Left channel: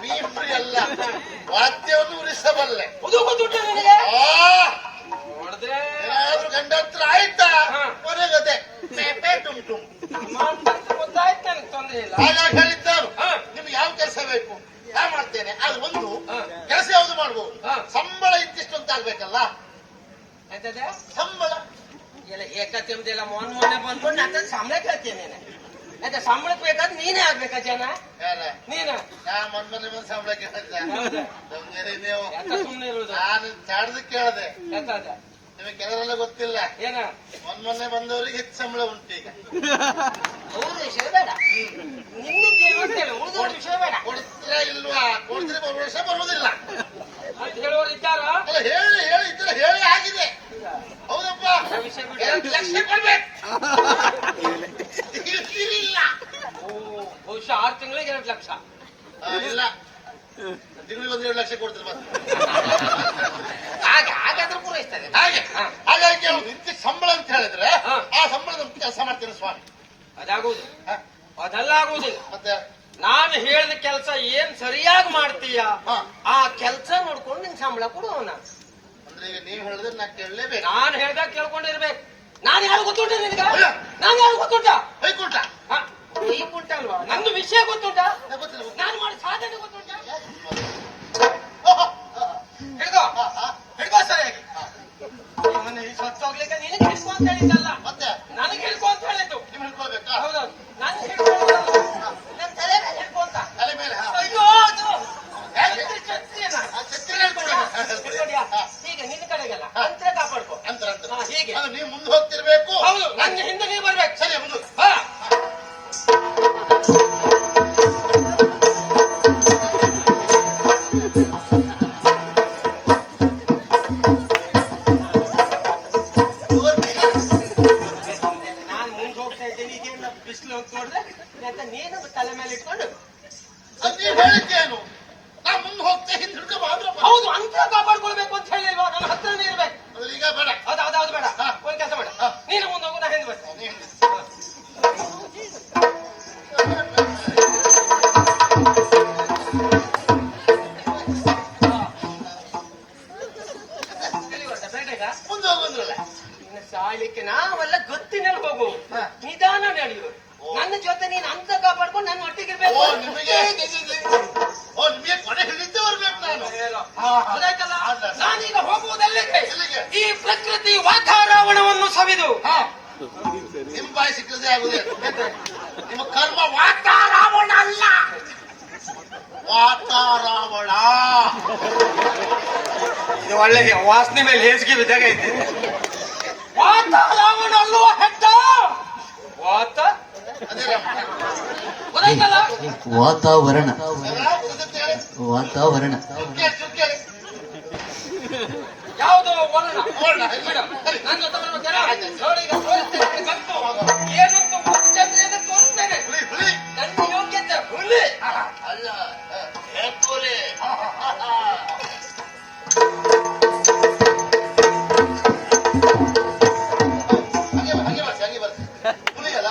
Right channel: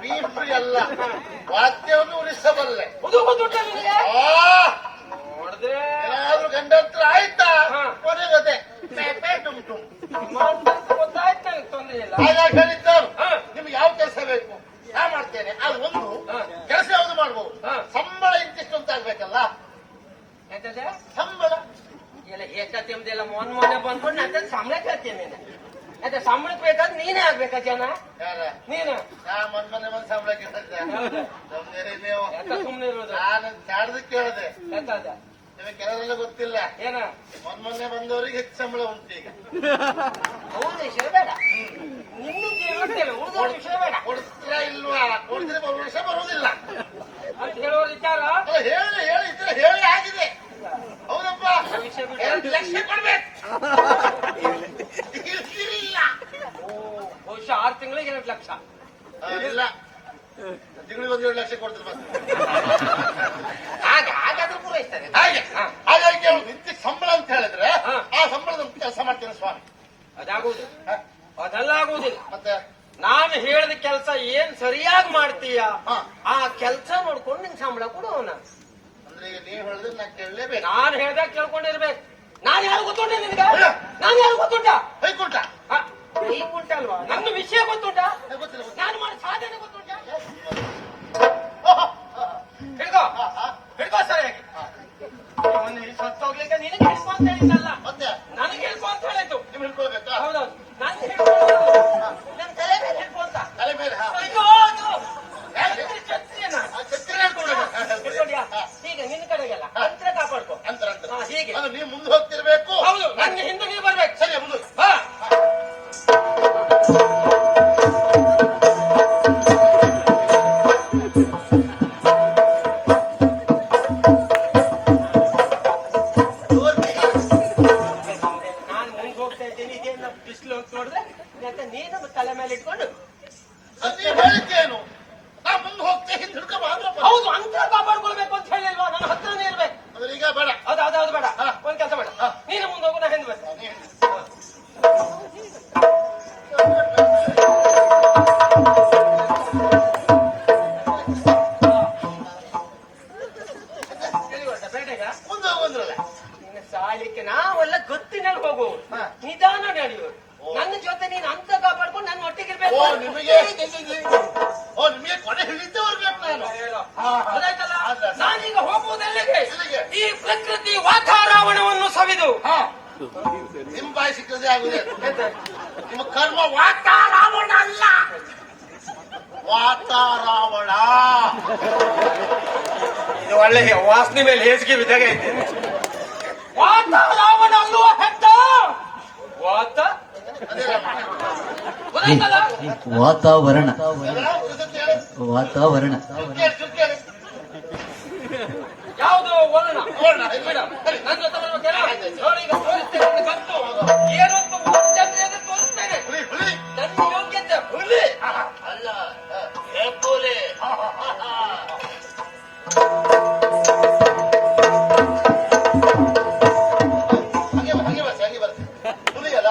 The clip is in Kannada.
ಬೀಫ್ರಿ ಅಲ್ಲ, ವಾದ್ಯವನ್ನು ಉಳಿಸಬಲ್ಲೆ. ಏನಾದ್ರೂ ಗಂಡ ಹತ್ರ ಆಯ್ತಾ ಕೊನೆ ಗೊತ್ತೆ ಹಾಗಾಗಿ ಹೇಳಿದ್ದವರು ನಿಮ್ಗೆ ಯಾವ ಕೆಲಸ ಬೇಕು ನಾ ಮಾಡ್ತೇನೆ. ಅದು ಒಂದು ಕೆಲಸ ಯಾವ್ದು ಮಾಡ್ಬೋದು, ಸಂಬಳ ಇಂತಿಷ್ಟು ಅಂತ ಆಗ್ಬೇಕಲ್ಲ. ಸಂಬಳ ಎಲ್ಲ ಏಕತ್ಯಂದೆಲ್ಲ ಮೊನ್ನೆ ಬಂದ್ಕೊಂಡು ನಾನು ಸಂಬಳ ಕೇಳ್ತೀನಿ. ಅದೇ ಸಂಬಳಕ್ಕೆ ಬೇಕಾದ್ರೆ ನೀನೇ ಆಗ್ಬೇಕಾ ಜನ ನೀನು ಮೊನ್ನೆ ಬಂದ್ ಸಂಬಳ ಕೇಳಿದ್ದೆ ನೀವು ಸುಮ್ನೆ ಇರುವುದು. ನಾನು ಚಾಡ್ದಕ್ಕೆ ಕೇಳಿದೆ, ಯಾಕಂದ ನಿಮಗೆ ಕೆಲವರೆಲ್ಲ ಗೊತ್ತಿಲ್ಲ. ಏನ ಮೊನ್ನೆ ಬಂದವರಿಗೆ ಹೆಚ್ಚು ಸಂಬಳ ಉಂಟು ಈಗ. ಹೌದು ವಿಷಯ ಬೇಡ, ನಿನ್ನ ಉಳಿದವ್ರ ವಿಷಯ ಬೇಡ. ಕೊಡ್ತೀರಾ ಇಲ್ವಾ? ಕೊಡ್ತೀರಿ ಬರುವ ವಿಷಯ ಬರುವುದಿಲ್ಲ ಅಂತ ಹೇಳೋರು ಇದ್ದಾರ. ಹೇಳಿ ಹೇಳಿ ಇದ್ರೆ ಹೇಳಿ ಆಗಿದೆ. ಹೌದಪ್ಪ, 2 ಲಕ್ಷ ಕೊಡ್ಬೇಕು. ಬಹುಶಃ 6 ತಿಂಗಳಿಗೆ 2 ಲಕ್ಷ ಇಲ್ಲ, ತಿಂಗಳಿಗೆ 1-2 ಲಕ್ಷ ಕೊಡ್ತಾರೆ ಮತ್ತೆ. ಹಾಗಾದ್ರೆ ಪೂರೈಸ್ತಾರೆ. ಹಾಗಾಗಿ ಅವ್ರು ನಿಂತಿ ಸಂಬಳ ಅಂತ ಹೇಳಿದ್ರೆ ಆ ಸಂಬಳದ ಕೆಲಸ ಮಾಡ್ತೇನೆ ಸ್ವಾಮಿ. ಅದಾಗುವುದು, ಅದೆಲ್ಲ ಆಗುವುದಿಲ್ಲ. ಮತ್ತೆ ನಾನು ಹೇಳಿದ ಕೆಲಸ ಏನ್ ಸರಿಯಾಗಿ ಮಾಡ್ತೀಯ ಆ ಕೆಲಸ ನೋಡ್ಕೊಂಡು ನಿನ್ ಸಂಬಳ ಕೊಡುವನ. ಅಂದ್ರೆ ಈಗ ನೀವು ಹೇಳಿದ್ರೆ ನಾ ಕೇಳಲೇಬೇಕು. ನಾನು ಹೇಳ್ದಾಗ ಕೇಳ್ಕೊಂಡಿರ್ಬೇಕು. ನಾನು ಯಾರು ಗೊತ್ತುಂಟ ನಿನ್ಗ? ನಾನು ಯಾರು ಗೊತ್ತುಂಟ? ಹೈಕುಂಟ ಹೈಕುಂಟ ಅಲ್ವಾ? ನಂದು ವಿಷಯ ಗೊತ್ತುಂಟ, ಗೊತ್ತಿಲ್ಲ. ನಾನು ಮಾಡಿ ಸಾಧನೆ ಗೊತ್ತುಂಟ. ಹಿಡ್ಕೋ ಹಿಡ್ಕೋ ಸರಿಯಾಗಿ. ಸತ್ತೋಗ್ಲಿಕ್ಕೆ ನಿನಗೆ ಹಿಡ್ಕೊ ಅಂತ ಹೇಳಿದ್ದಲ್ಲ, ಮತ್ತೆ ನನಗೆ ಹಿಡ್ಕೊ ಅಂತ ಹೇಳಿದ್ದು. ನಿಮ್ ಹಿಡ್ಕೊಳ್ಬೇಕಾ? ಹೌದೌದು, ನಾನು ಹಿಡ್ಕೊ ಅಂತ ತಲೆ ಮೇಲೆ ಹೀಗೆ ನಿನ್ನ ಕಡೆಗೆಲ್ಲ ಅಂತರ ಕಾಪಾಡ್ಕೊ. ಅಂತರ ಹೀಗೆ ನೀವು ಮುಂದೆ ಹೋಗ್ತಿರ್ಬೇಕು. ಹೌದು, ನಂಗೆ ಹಿಂದೆ ನೀವು ಬರ್ಬೇಕು. ಸರಿ ಮುಂದೆ. ನಾನು ಮುಂದೆ ಹೋಗ್ತಾ ಇದ್ದೇನೆ, ಇದೇನು ಬಿಸಿಲು ಅಂತ ನೋಡಿದ್ರೆ ಯಾಕೆ ನೀನು ತಲೆ ಮೇಲೆ ಇಟ್ಕೊಂಡು ನೀವು ಹೇಳಿದ್ದೇನು? ನಾ ಮುಂದೆ ಹೋಗ್ತೇ ಹಿಂದೆ ಹಿಡ್ಕೊ ಆದ್ರೆ ಹೌದು ಅಂತರ ಕಾಪಾಡ್ಕೊಳ್ಬೇಕು ಅಂತ ಹೇಳಿಲ್ವಾ? ನನ್ನ ಹತ್ರನೇ ಇರ್ಬೇಕು. ಈಗ ಬೇಡ. ಅದು ಬೇಡ. ಒಂದ್ ಕೆಲಸ ಬೇಡ, ನೀನು ಮುಂದೆ ಹೋಗು, ನಾ ಹಿಂದೆ ಬರ್ತೀನಿ. ಮುಂದೆ ಹೋಗುವಂದ್ರಲ್ಲ ಸಾಲಿಕ್ಕೆ ನಾವೆಲ್ಲ ಗೊತ್ತಿನಲ್ಲಿ ಹೋಗು, ನಿಧಾನ ನಡೆಯುವುದು. ನನ್ನ ಜೊತೆ ನೀನು ಅಂತ ಕಾಪಾಡ್ಕೊಂಡು ನನ್ನ ಒಟ್ಟಿಗಿರ್ಬೇಕು. ನಿಮಗೆ ಕೊನೆ ಹಿಡಿತೇ ಬರ್ಬೇಕು ನಾನು. ಗೊತ್ತಾಯ್ತಲ್ಲ? ನಾನೀಗ ಹೋಗುವುದಲ್ಲಿಗೆ ಈ ಪ್ರಕೃತಿ ವಾತಾವರಣವನ್ನು ಸವಿದು ನಿಮ್ಮ ಬಾಯಿ ಸಿಕ್ಕದೆ ಆಗುದೇ. ನಿಮ್ಮ ಕರ್ಮ ವಾತಾರಾವಣ ಅಲ್ಲ, ವಾತಾರಾವಣ. ಇದು ಒಳ್ಳೆ ವಾಸನೆ ಮೇಲೆ ಹೇಸಿಗೆ ಬಿದ್ದಾಗ ಇದೆ. ವಾತಾವರಣ ಅಲ್ಲುವ ಹೆಡ್ಡ ವಾತ ವಾತಾವರಣ ವಾತಾವರಣ ಯಾವುದು ವರ್ಣ? ನನ್ನ ಜೊತೆ ಬರ್ಬೇಕಾದ್ರೆ ನೋಡಿ, ಈಗ ತೋರಿಸ್ತೇನೆ. ಬಂತು ಏನಂತ ಮುಂಚೆ ತೋರಿಸ್ತೇನೆ. ನನ್ನ ಯೋಗ್ಯತೆ ಹುಲಿ ಅಲ್ಲ, ಹೆಪ್ಪುಲಿ. ಹಾಗೆ ಬರ್ಸಿ ಹುಲಿ ಅಲ್ಲ.